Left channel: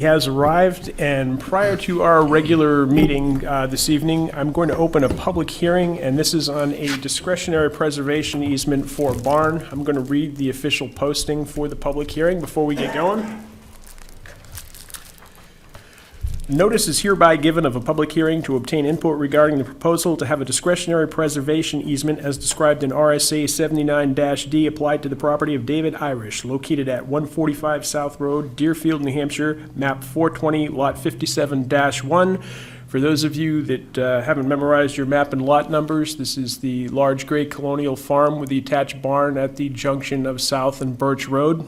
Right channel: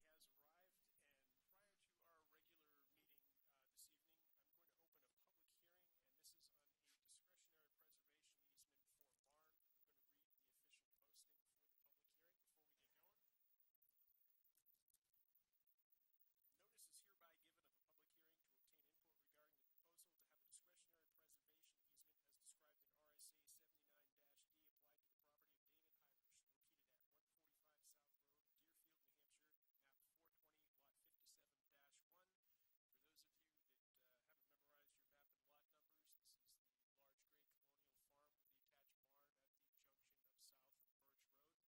Has arrived, and prior to our regular meeting this evening, I'm going to open a public hearing, and this is on a discretionary preservation easement for a barn. I'm going to read the official posting for the public hearing before we get going. Notice is hereby given of a public hearing to obtain input regarding the proposal to have a discretionary preservation easement as described in RSA 79-D applied to the property of David Irish, located at 145 South Road, Deerfield, New Hampshire, map 420, lot 57-1. For those of you that haven't memorized your map and lot numbers, this is the large gray colonial farm with the attached barn at the junction of South and Birch Road.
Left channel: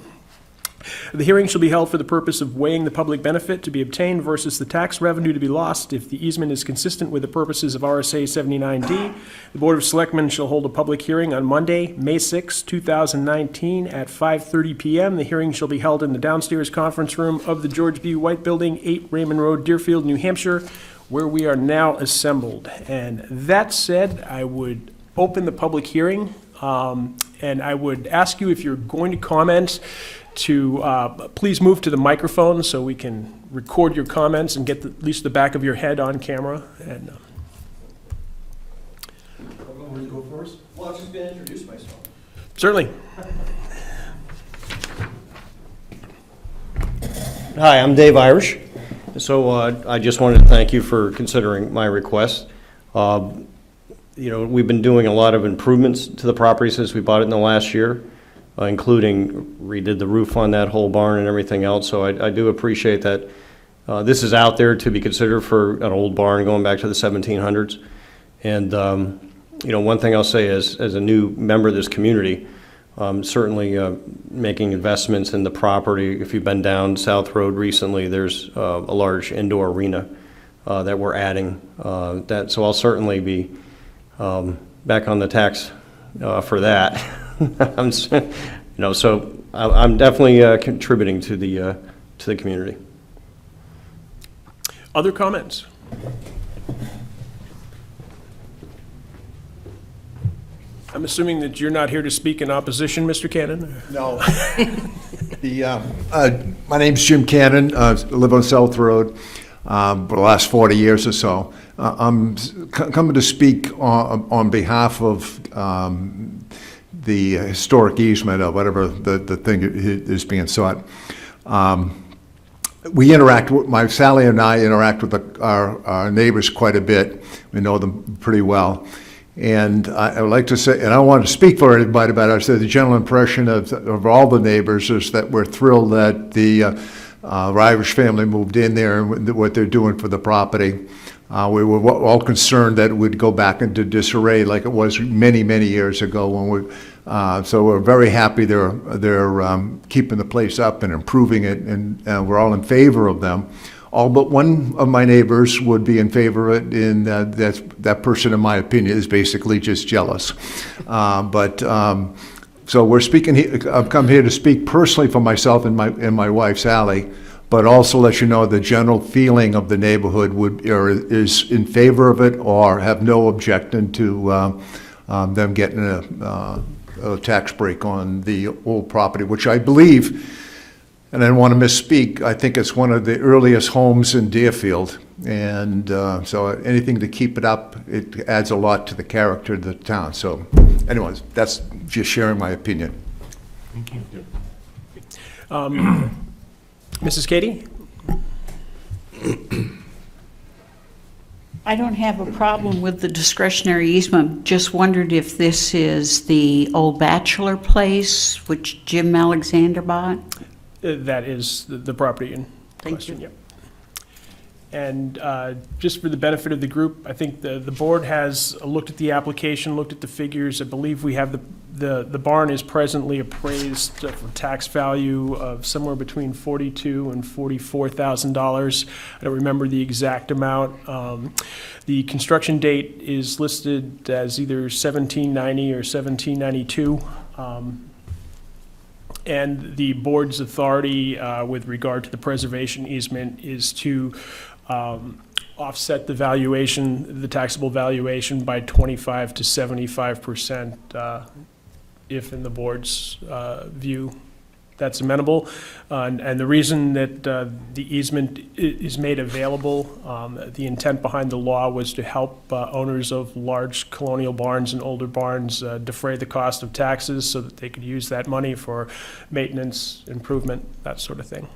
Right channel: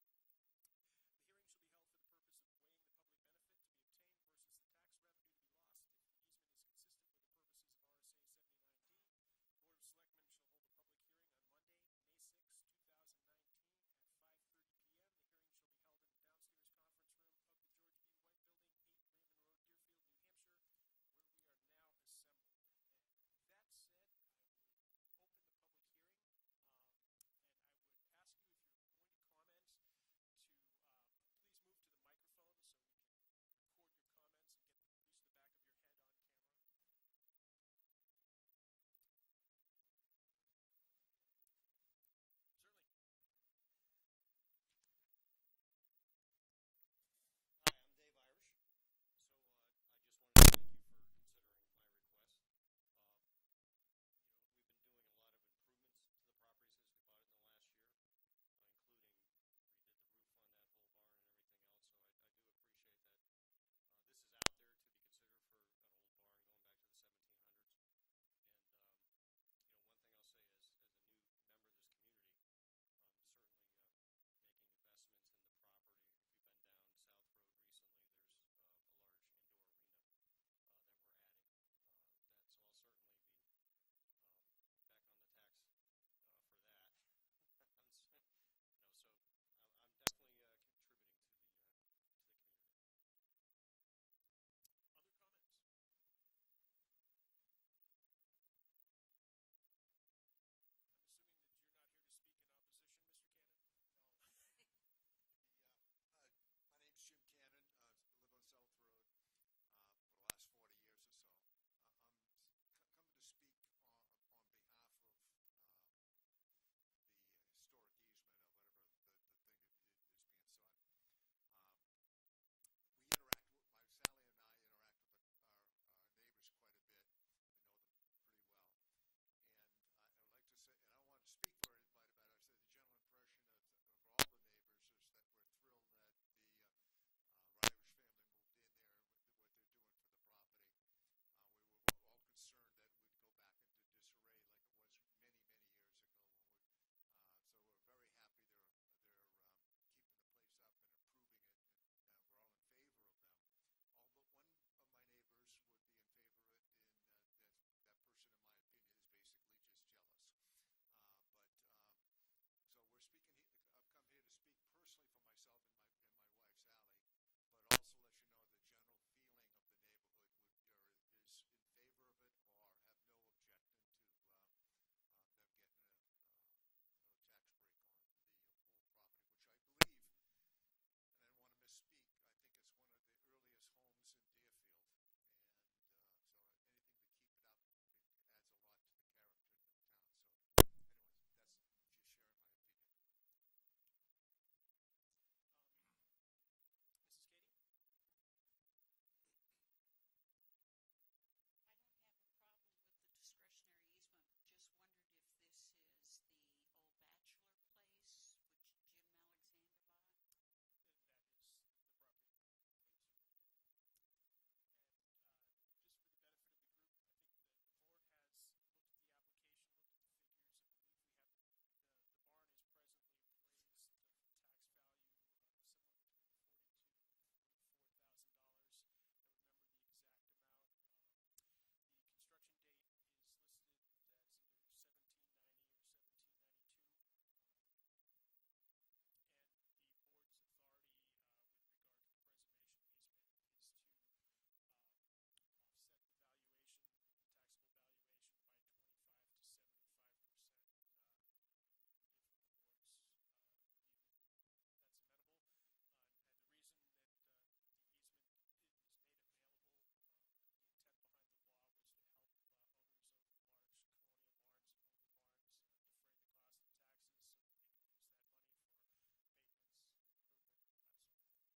The hearing shall be held for the purpose of weighing the public benefit to be obtained versus the tax revenue to be lost if the easement is consistent with the purposes of RSA 79D. The Board of Selectmen shall hold a public hearing on Monday, May 6, 2019 at 5:30 p.m. The hearing shall be held in the downstairs conference room of the George B. White Building, 8 Raymond Road, Deerfield, New Hampshire, where we are now assembled. And that said, I would open the public hearing, and I would ask you, if you're going to comment, to please move to the microphone so we can record your comments and get at least the back of your head on camera. And Want to go first? Well, I was just going to introduce myself. certainly. Hi, I'm Dave Irish. So I just wanted to thank you for considering my request. We've been doing a lot of improvements to the property since we bought it in the last year, including redid the roof on that whole barn and everything else. So I do appreciate that this is out there to be considered for an old barn going back to the 1700s. And one thing I'll say is, as a new member of this community, certainly making investments in the property. If you've been down South Road recently, there's a large indoor arena that we're adding. So I'll certainly be back on the tax for that. So I'm definitely contributing to the community. Other comments? I'm assuming that you're not here to speak in opposition, Mr. Cannon? No. My name's Jim Cannon. I live on South Road for the last 40 years or so. I'm coming to speak on behalf of the historic easement, or whatever the thing is being sought. Sally and I interact with our neighbors quite a bit. We know them pretty well. And I would like to say, and I don't want to speak for anybody, but I said the general impression of all the neighbors is that we're thrilled that the Irish family moved in there and what they're doing for the property. We were all concerned that it would go back into disarray like it was many, many years ago. So we're very happy they're keeping the place up and improving it, and we're all in favor of them. All but one of my neighbors would be in favor of it, and that person, in my opinion, is basically just jealous. So we're speaking. I've come here to speak personally for myself and my wife Sally, but also let you know the general feeling of the neighborhood is in favor of it or have no objection to them getting a tax break on the old property, which I believe. And I don't want to misspeak, I think it's one of the earliest homes in Deerfield. And so anything to keep it up, it adds a lot to the character of the town. So anyways, that's just sharing my opinion. Thank you. Mrs. Katie? I don't have a problem with the discretionary easement. Just wondered if this is the old bachelor place, which Jim Alexander bought? That is the property in Thank question. you. Yep. And just for the benefit of the group, I think the board has looked at the application, looked at the figures. I believe we have the barn is presently appraised for tax value of somewhere between $42,000 and $44,000. I don't remember the exact amount. The construction date is listed as either 1790 or 1792. And the board's authority with regard to the preservation easement is to offset the valuation, the taxable valuation, by 25 to 75%, if in the board's view that's amenable. And the reason that the easement is made available, the intent behind the law was to help owners of large colonial barns and older barns defray the cost of taxes so that they could use that money for maintenance, improvement, that sort of thing.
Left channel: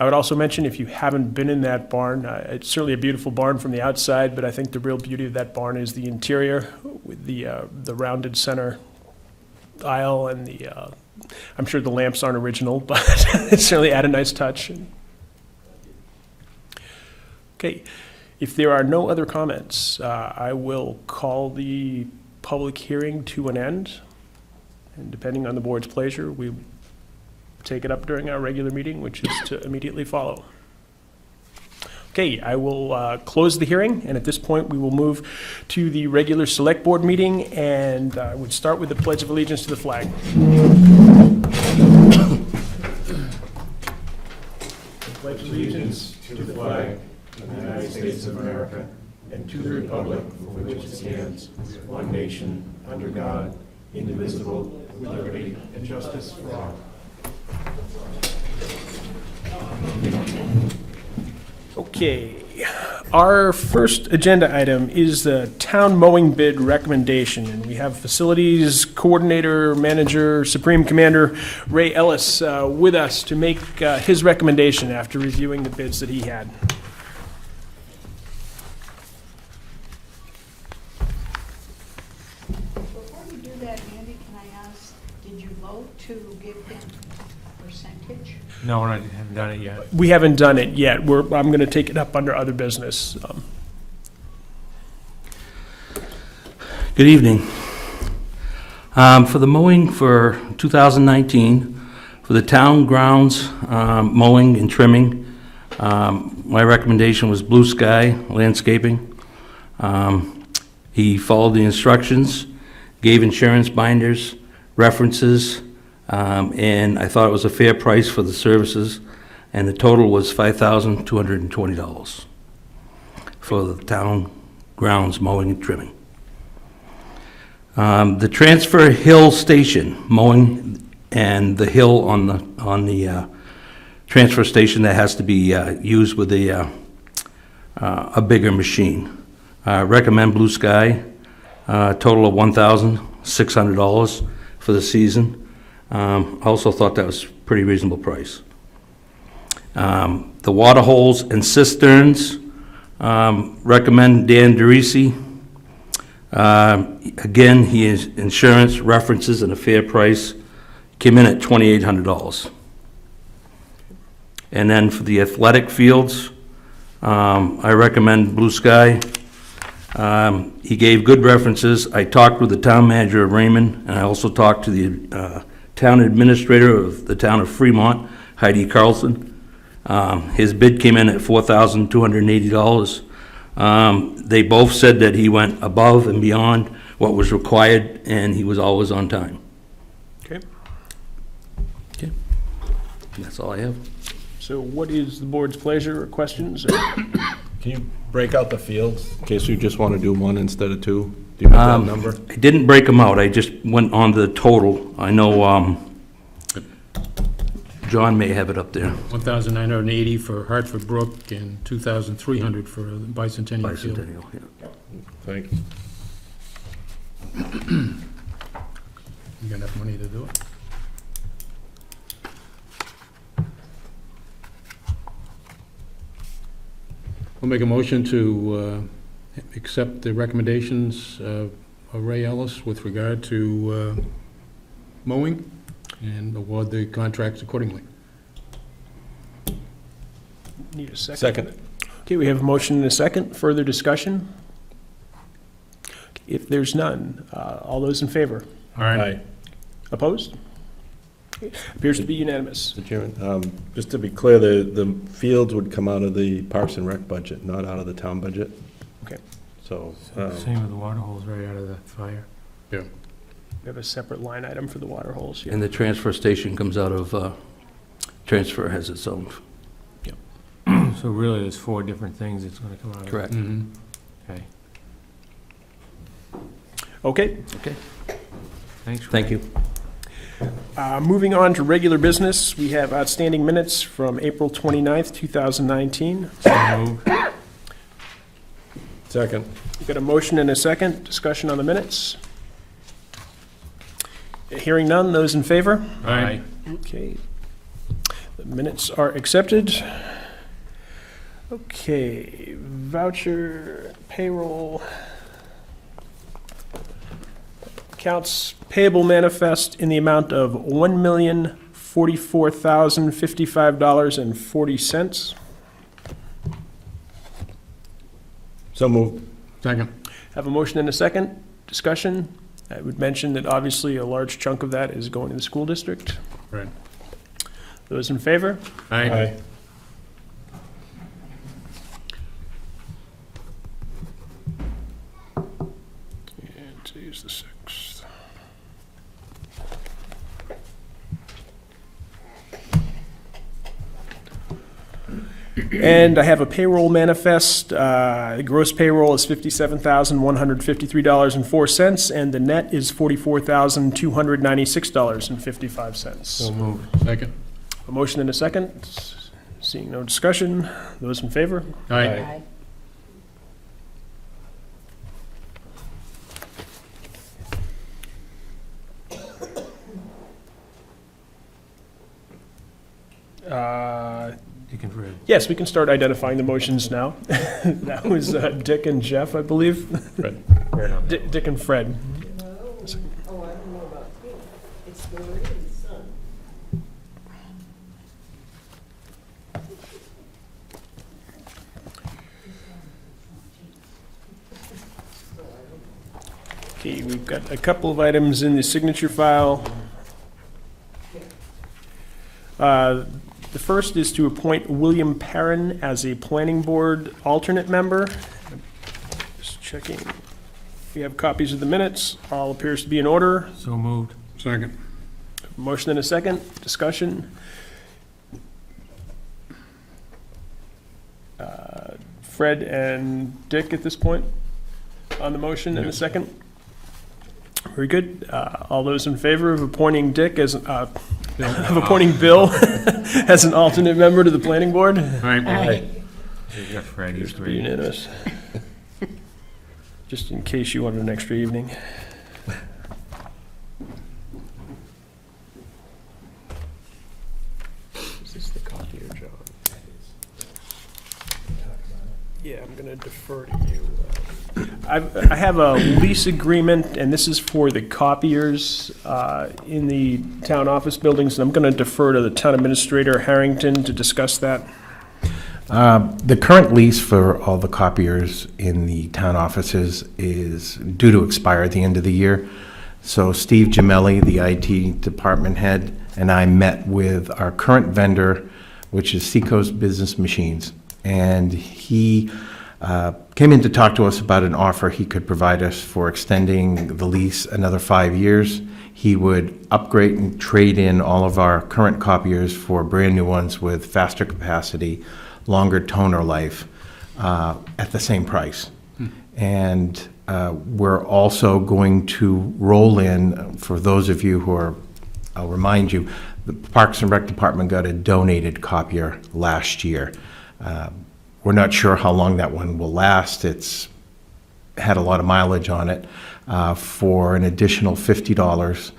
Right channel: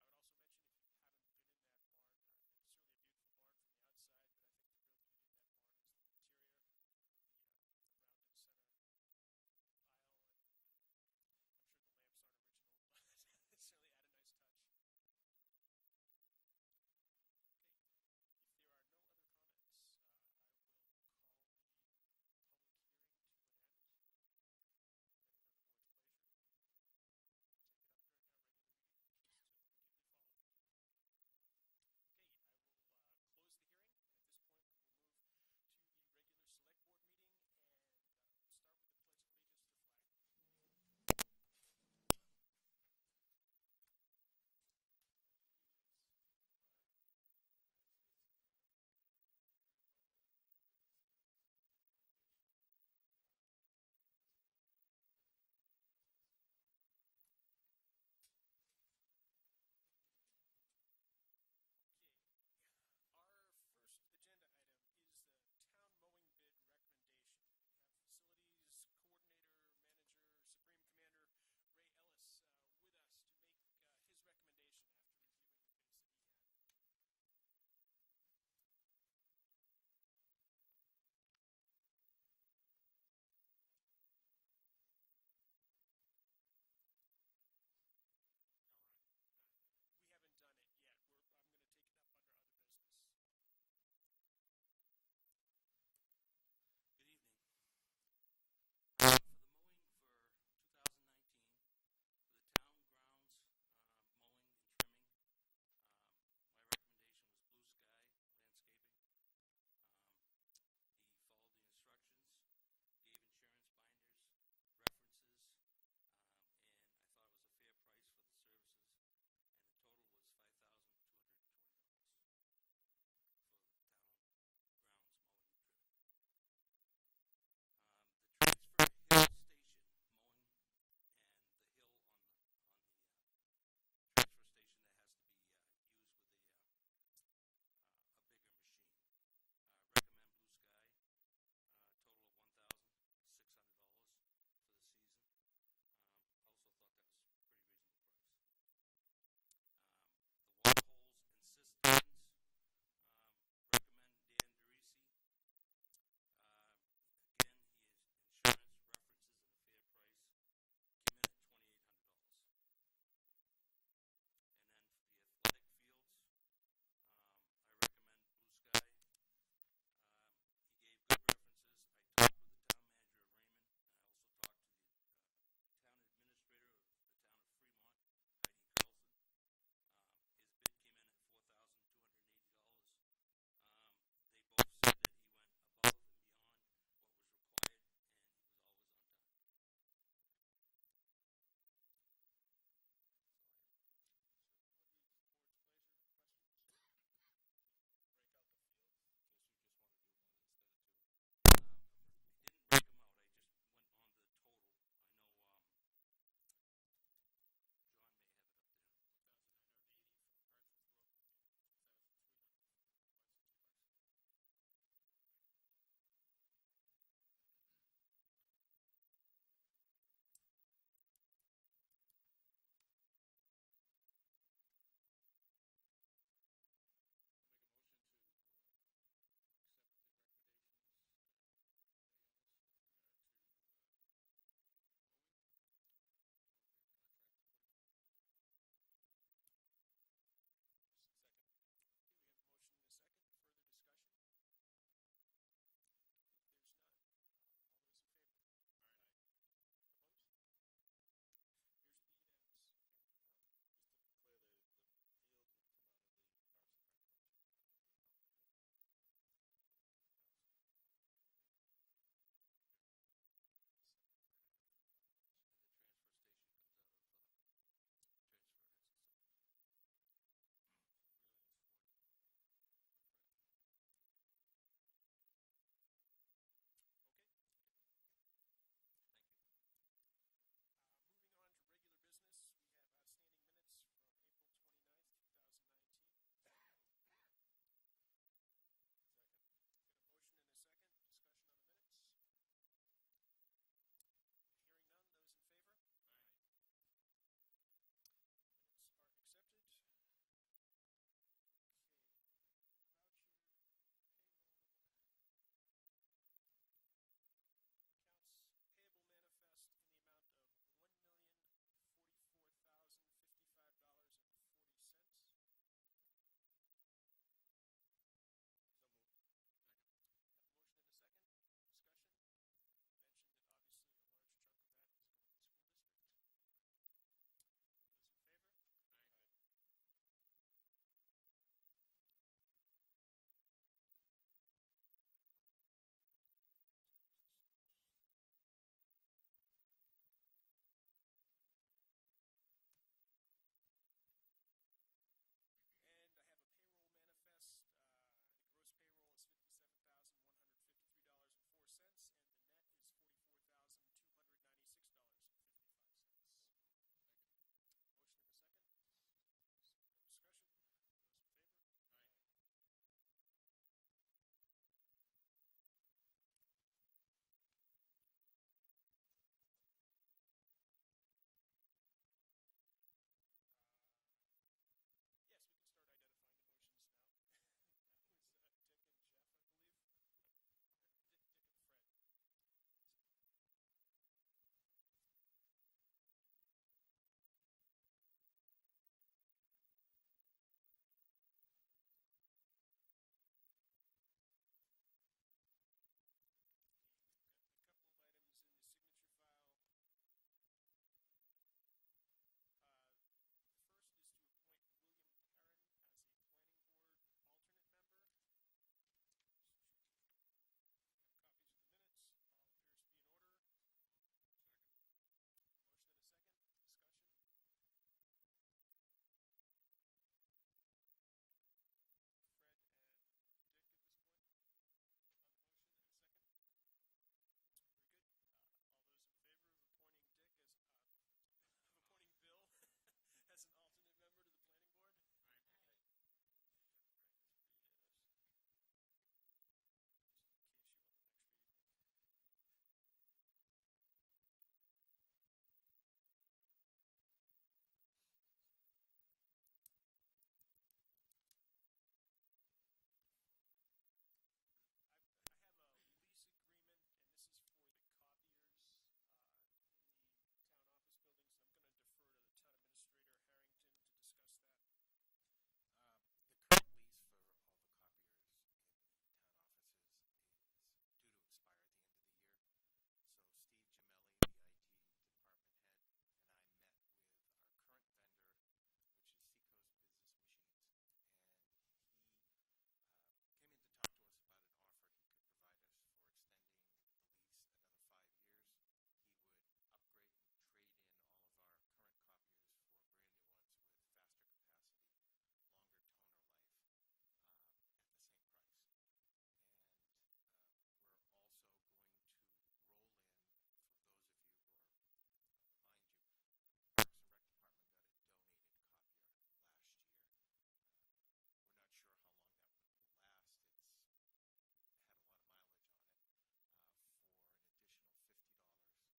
I would also mention, if you haven't been in that barn, it's certainly a beautiful barn from the outside, but I think the real beauty of that barn is the interior with the rounded center aisle and I'm sure the lamps aren't original, but it certainly add a nice touch. Okay, if there are no other comments, I will call the public hearing to an end. And depending on the board's pleasure, we take it up during our regular meeting, which is to immediately follow. Okay, I will close the hearing, and at this point, we will move to the regular select board meeting, and I would start with the Pledge of Allegiance to the flag. Pledge allegiance to the flag of the United States of America and to the republic for which it stands, one nation, under God, indivisible, with liberty and justice for all. Okay, our first agenda item is the town mowing bid recommendation, and we have Facilities Coordinator, Manager, Supreme Commander Ray Ellis with us to make his recommendation after reviewing the bids that he had. Before you do that, Andy, can I ask, did you vote to give him a percentage? No, I haven't done it yet. We haven't done it yet. I'm going to take it up under other business. Good evening. For the mowing for 2019, for the town grounds mowing and trimming, my recommendation was Blue Sky Landscaping. He followed the instructions, gave insurance binders, references, and I thought it was a fair price for the services, and the total was $5,220 for the town grounds mowing and trimming. The Transfer Hill Station mowing and the hill on the transfer station that has to be used with a bigger machine. Recommend Blue Sky, total of $1,600 for the season. I also thought that was a pretty reasonable price. The water holes and cisterns, recommend Dan DeRisi. Again, he has insurance, references, and a fair price. Came in at $2,800. And then for the athletic fields, I recommend Blue Sky. He gave good references. I talked with the town manager of Raymond, and I also talked to the town administrator of the town of Fremont, Heidi Carlson. His bid came in at $4,280. They both said that he went above and beyond what was required, and he was always on time. Okay, Okay, that's all I have. so what is the board's pleasure or questions? Can you break out the fields, in case you just want to do one instead of two? Do you have that number? I didn't break them out, I just went on to the total. I know, John may have it up there. 1,980 for Hartford Brook and 2,300 for Bicentennial Field. Bicentennial, yeah. Thanks. You got enough money to do it? We'll make a motion to accept the recommendations of Ray Ellis with regard to mowing and award the contracts accordingly. Need a second? Second. Okay, we have a motion and a second. Further discussion? If there's none, all those in favor? All right. Aye. Opposed? Appears to be unanimous. Mr. Chairman, just to be clear, the fields would come out of the Parks and Rec budget, not out of the town budget. Okay. So, Same with the water holes right out of the fire. Yeah. We have a separate line item for the water holes. Yeah. And the transfer station comes out of, transfer has its own. So really, there's 4 different things it's gonna come out of. Correct. Mm-hmm. Okay, Okay, Okay, thanks. thank you. Moving on to regular business, we have outstanding minutes from April 29th, 2019. So moved. Second. We've got a motion and a second. Discussion on the minutes. Hearing none, those in favor? Aye. Okay. The minutes are accepted. Okay, voucher, payroll. Accounts payable manifest in the amount of $1,044,055.40. So moved. Second. Have a motion and a second. Discussion. I would mention that obviously a large chunk of that is going to the school district. Right. Those in favor? Aye. And today's the 6th. And I have a payroll manifest. The gross payroll is $57,153.04, and the net is $44,296.55. So moved. Second. A motion and a second. Seeing no discussion. Those in favor? Aye. You can read. Yes, we can start identifying the motions now. That was Dick and Jeff, I believe. Right. Dick and Fred. Okay, we've got a couple of items in the signature file. The first is to appoint William Perrin as a planning board alternate member. Just checking. We have copies of the minutes. All appears to be in order. So moved. Second. Motion and a second. Discussion. Fred and Dick at this point on the motion and the second. Very good. All those in favor of appointing Dick as, of appointing Bill as an alternate member to the planning board? Aye. You got Fred, he's Appears to be great. unanimous. Just in case you wanted an extra evening. Is this the copier, John? Yeah, I'm gonna defer to you. I have a lease agreement, and this is for the copiers in the town office buildings, and I'm gonna defer to the town administrator, Harrington, to discuss that. The current lease for all the copiers in the town offices is due to expire at the end of the year. So Steve Gemelli, the IT department head, and I met with our current vendor, which is Seacoast Business Machines. And he came in to talk to us about an offer he could provide us for extending the lease another 5 years. He would upgrade and trade in all of our current copiers for brand-new ones with faster capacity, longer toner life, at the same price. And we're also going to roll in, for those of you who are, I'll remind you, the Parks and Rec Department got a donated copier last year. We're not sure how long that one will last. It's had a lot of mileage on it. For an additional $50,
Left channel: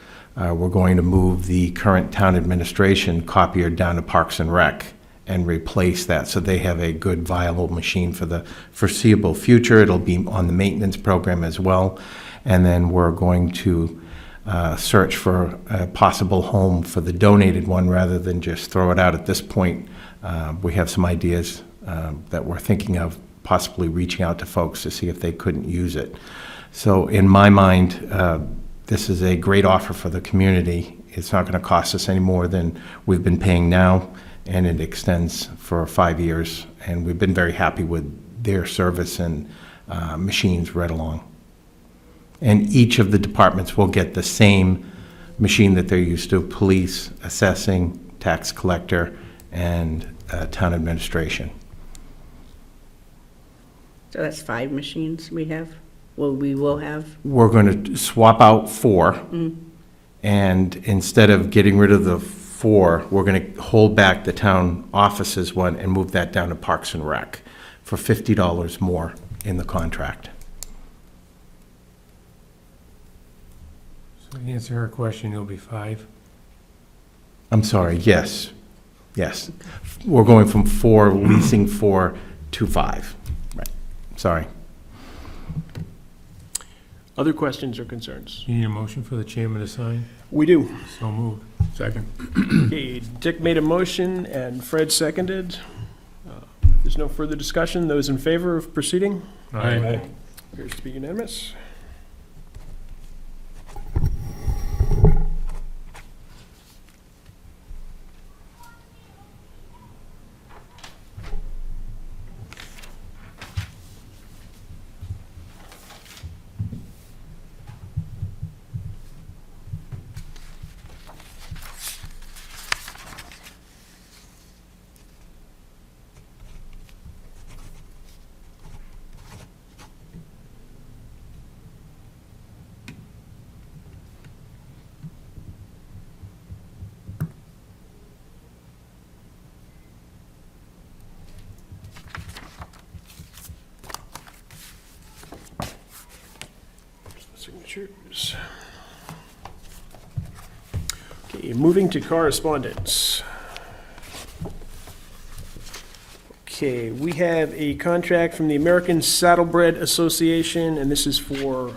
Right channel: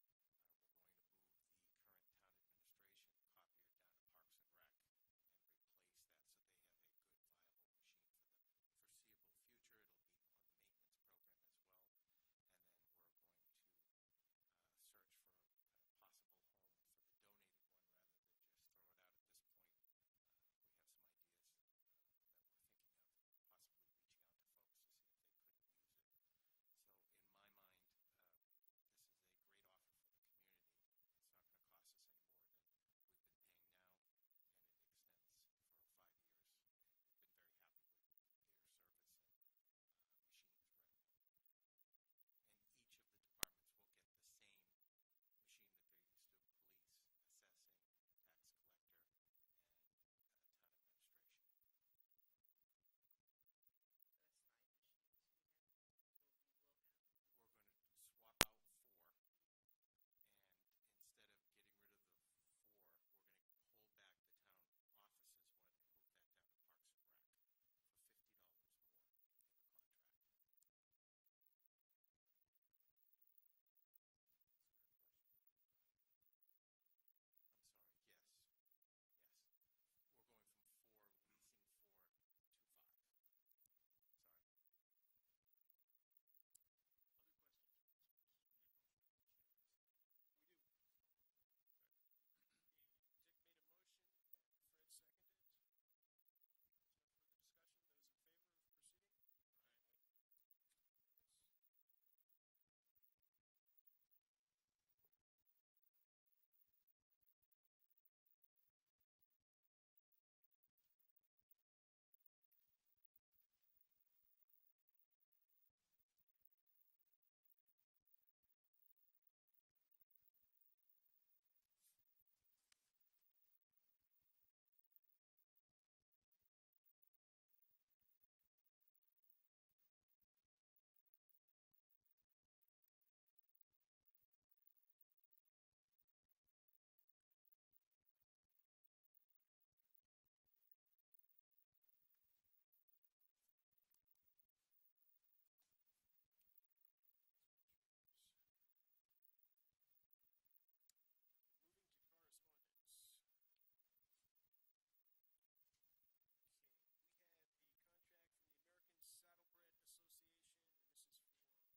we're going to move the current town administration copier down to Parks and Rec and replace that, so they have a good viable machine for the foreseeable future. It'll be on the maintenance program as well. And then we're going to search for a possible home for the donated one rather than just throw it out at this point. We have some ideas that we're thinking of possibly reaching out to folks to see if they couldn't use it. So in my mind, this is a great offer for the community. It's not going to cost us any more than we've been paying now, and it extends for 5 years. And we've been very happy with their service and machines right along. And each of the departments will get the same machine that they're used to: police, assessing, tax collector, and town administration. So that's 5 machines we have? Well, we will have? We're going to swap out 4, And instead of getting rid of the 4, we're going to hold back the town offices one and move that down to Parks and Rec for $50 more in the contract. So to answer her question, it'll be 5. I'm sorry, yes, yes. We're going from 4, leasing 4 to 5. Right, sorry. Other questions or concerns? You need a motion for the chairman to sign? We do. So moved. Second. Okay, Dick made a motion and Fred seconded. There's no further discussion. Those in favor of proceeding? Aye. Appears to be unanimous. Signatures. Okay, moving to correspondence. Okay, we have a contract from the American Saddlebred Association, and this is for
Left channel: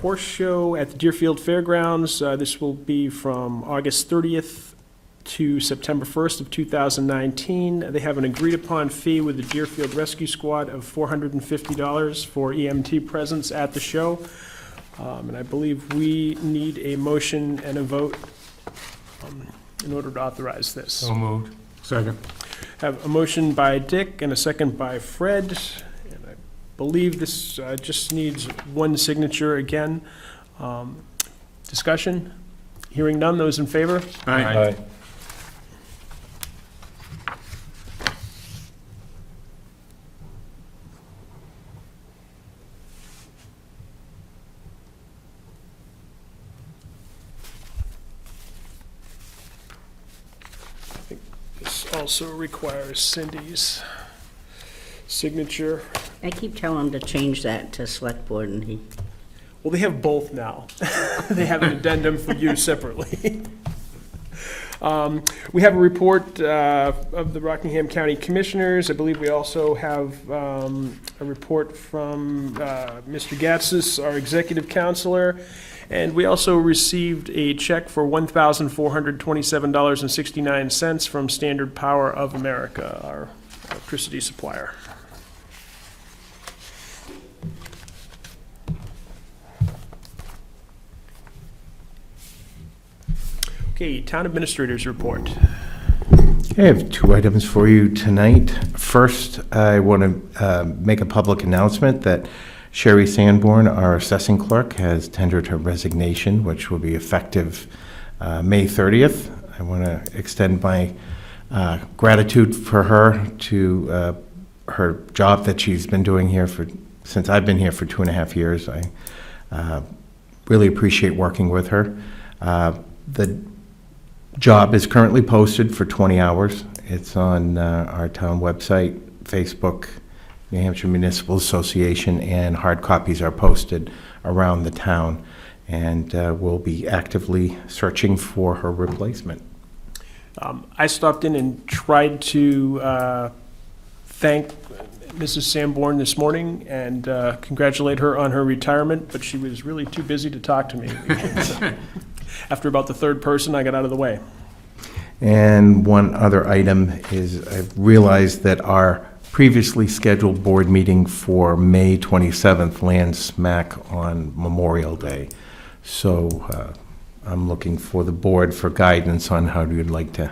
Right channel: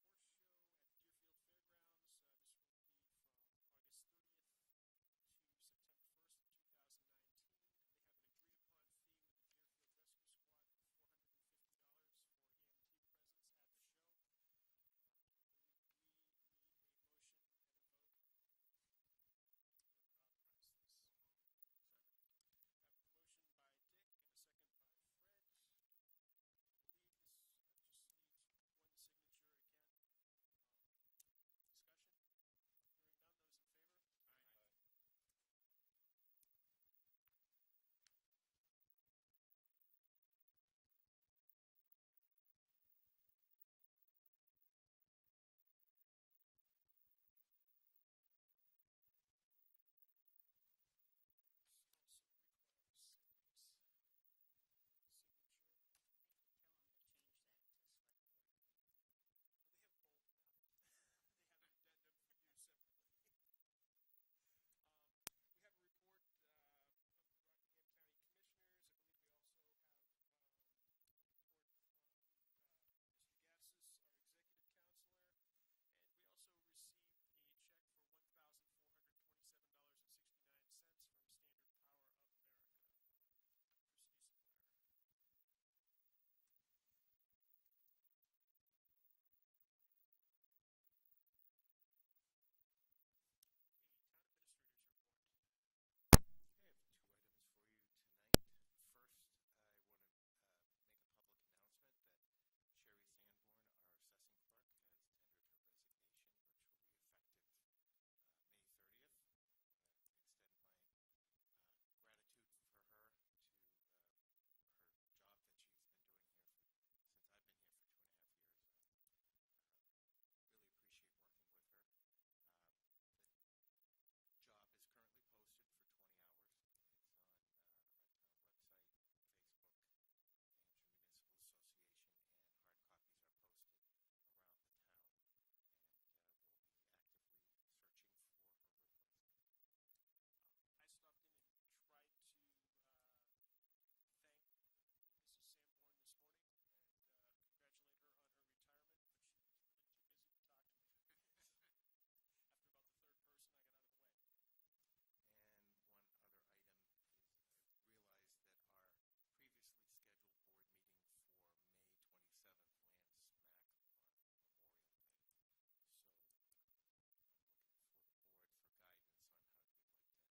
horse show at the Deerfield Fairgrounds. This will be from August 30th to September 1st of 2019. They have an agreed-upon fee with the Deerfield Rescue Squad of $450 for EMT presence at the show. And I believe we need a motion and a vote in order to authorize this. So moved. Second. Have a motion by Dick and a second by Fred. And I believe this just needs one signature again. Discussion? Hearing none, those in favor? Aye. This also requires Cindy's signature. I keep telling him to change that to select board, and he, Well, they have both now. They have an addendum for you separately. We have a report of the Rockingham County Commissioners. I believe we also have a report from Mr. Gatsis, our executive counselor. And we also received a check for $1,427.69 from Standard Power of America, our electricity supplier. Okay, Town Administrator's report. I have 2 items for you tonight. First, I want to make a public announcement that Sherry Sanborn, our assessing clerk, has tendered her resignation, which will be effective May 30th. I want to extend my gratitude for her to her job that she's been doing here since I've been here for 2.5 years. I really appreciate working with her. The job is currently posted for 20 hours. It's on our town website, Facebook, New Hampshire Municipal Association, and hard copies are posted around the town. And we'll be actively searching for her replacement. I stopped in and tried to thank Mrs. Sanborn this morning and congratulate her on her retirement, but she was really too busy to talk to me. After about the third person, I got out of the way. And one other item is I've realized that our previously scheduled board meeting for May 27th lands smack on Memorial Day. So I'm looking for the board for guidance on how you'd like to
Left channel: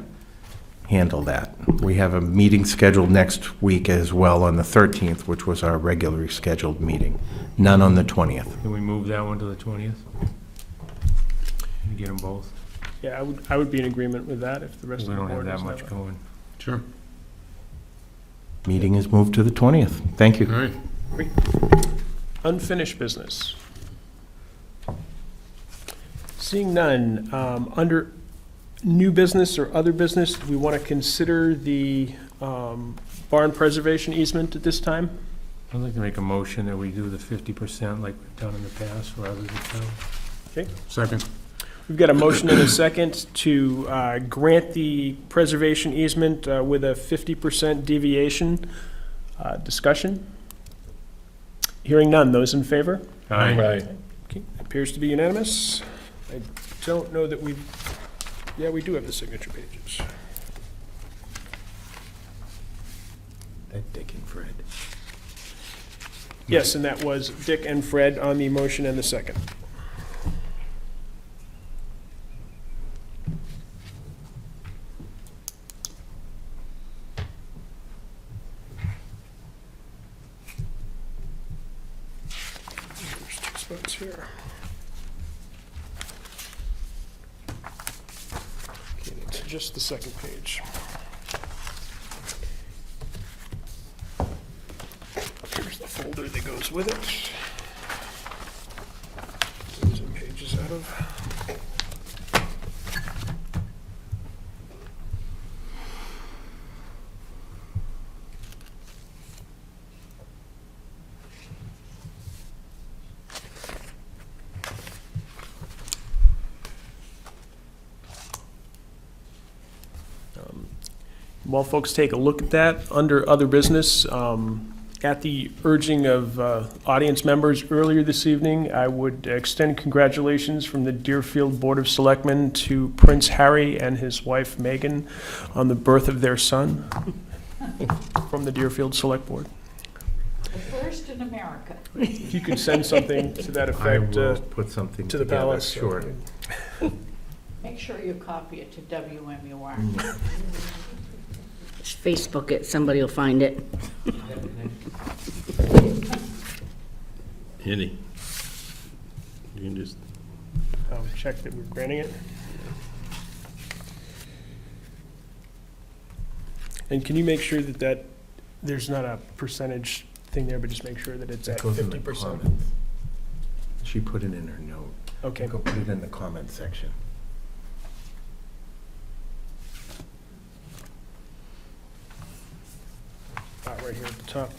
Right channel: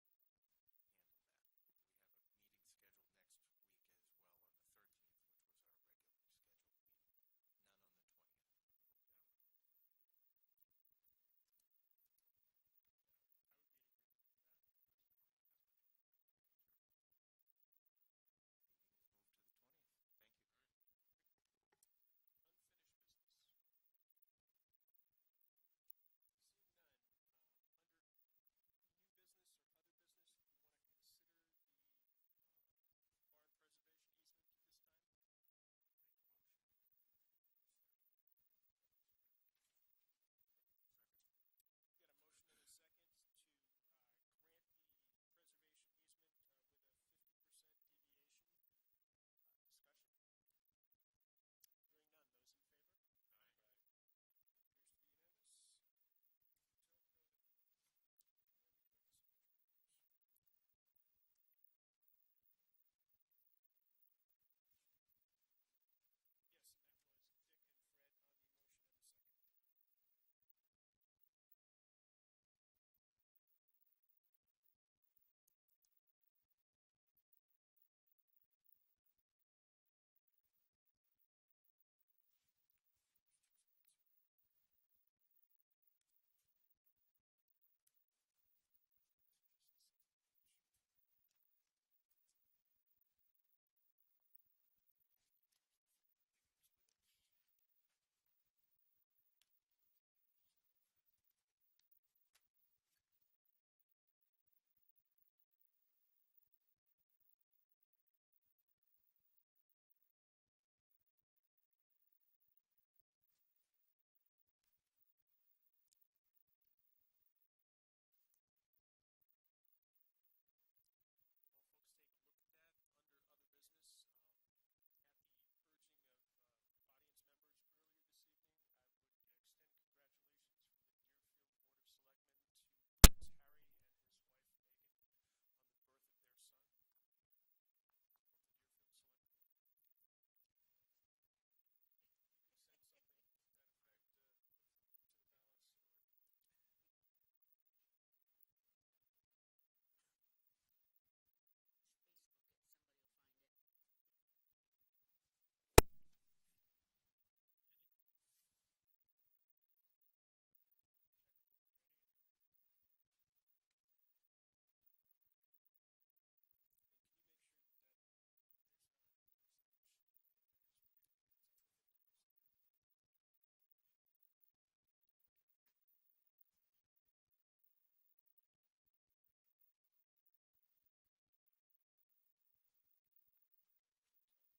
handle that. We have a meeting scheduled next week as well on the 13th, which was our regularly scheduled meeting. None on the 20th. Can we move that one to the 20th? Get them both? Yeah, I would be in agreement with that if the rest We of the don't have board that is much that way. going. Sure. Meeting is moved to the 20th. Thank you. All right. Unfinished business. Seeing none, under new business or other business, do we want to consider the barn preservation easement at this time? I'd like to make a motion that we do the 50% like we've done in the past for others in town. Second. We've got a motion and a second to grant the preservation easement with a 50% deviation. Discussion? Hearing none. Those in favor? Aye. Right. Okay, appears to be unanimous. I don't know that yeah, we do have the signature pages. Dick and Fred. Yes, and that was Dick and Fred on the motion and the second. There's two spots here. Okay, that's just the second page. Here's the folder that goes with it. Some pages out of. While folks take a look at that, under other business, at the urging of audience members earlier this evening, I would extend congratulations from the Deerfield Board of Selectmen to Prince Harry and his wife Meghan on the birth of their son from the Deerfield Select Board. The first in America. If you could send something to that I effect will put something to the together, palace. sure. Make sure you copy it to WMUR. Just Facebook it, somebody will find it. Andy, you can just, Check that we're granting it. And can you make sure that there's not a percentage thing there, but just make sure that it's It at goes in the 50%? comments. She put it in her note. Okay. Go put it in the comment section. Right here at the top.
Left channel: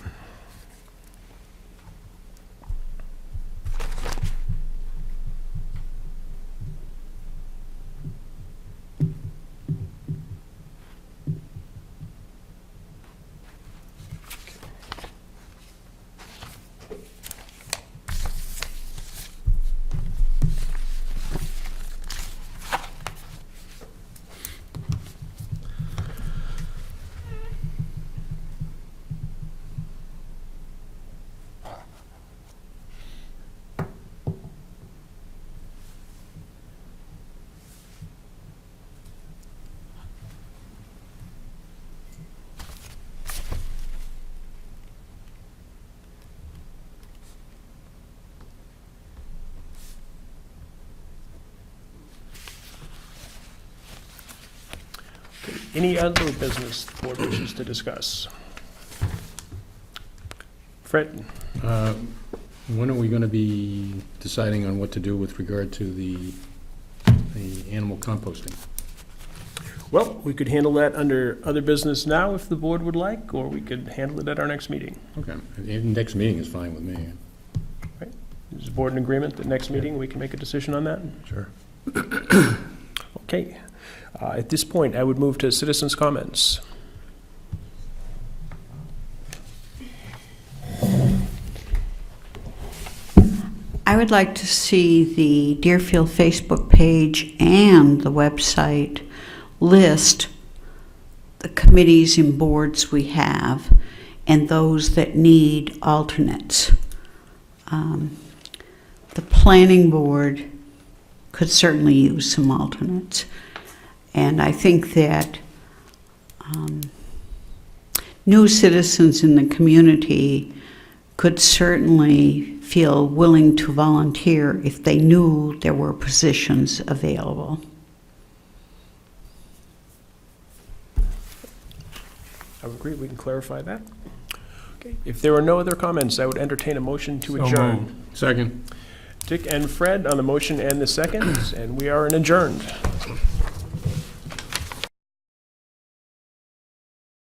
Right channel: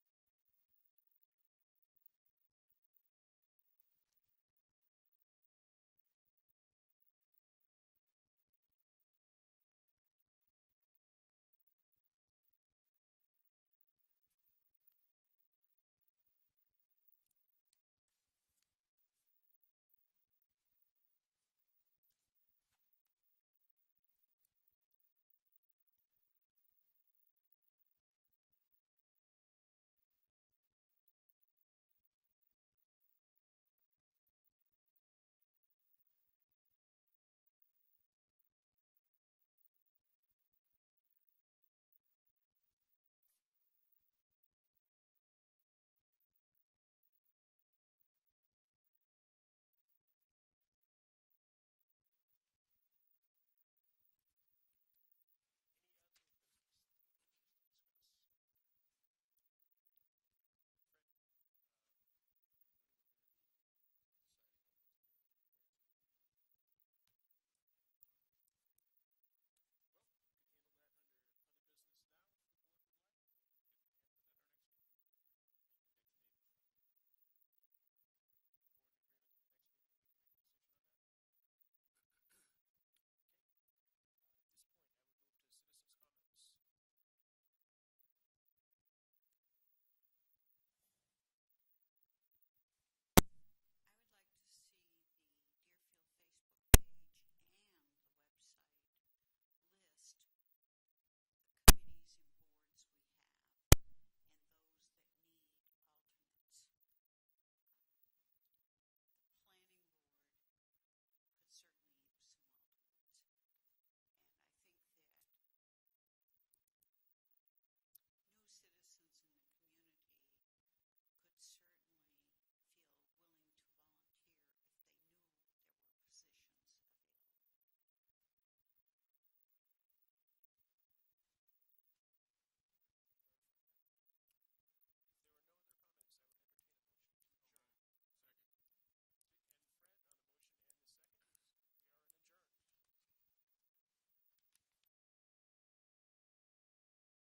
Any other business the board wishes to discuss? Fred? When are we going to be deciding on what to do with regard to the animal composting? Well, we could handle that under other business now if the board would like, or we could handle it at our next meeting. Okay, the next meeting is fine with me. Is the board in agreement that next meeting we can make a decision on that? sure. Okay. At this point, I would move to citizens' comments. I would like to see the Deerfield Facebook page and the website list the committees and boards we have and those that need alternates. The planning board could certainly use some alternates. And I think that new citizens in the community could certainly feel willing to volunteer if they knew there were positions available. I would agree, we can clarify that. Okay. If there are no other comments, I would entertain a motion to So adjourn. moved. Second. Dick and Fred on the motion and the second, and we are adjourned.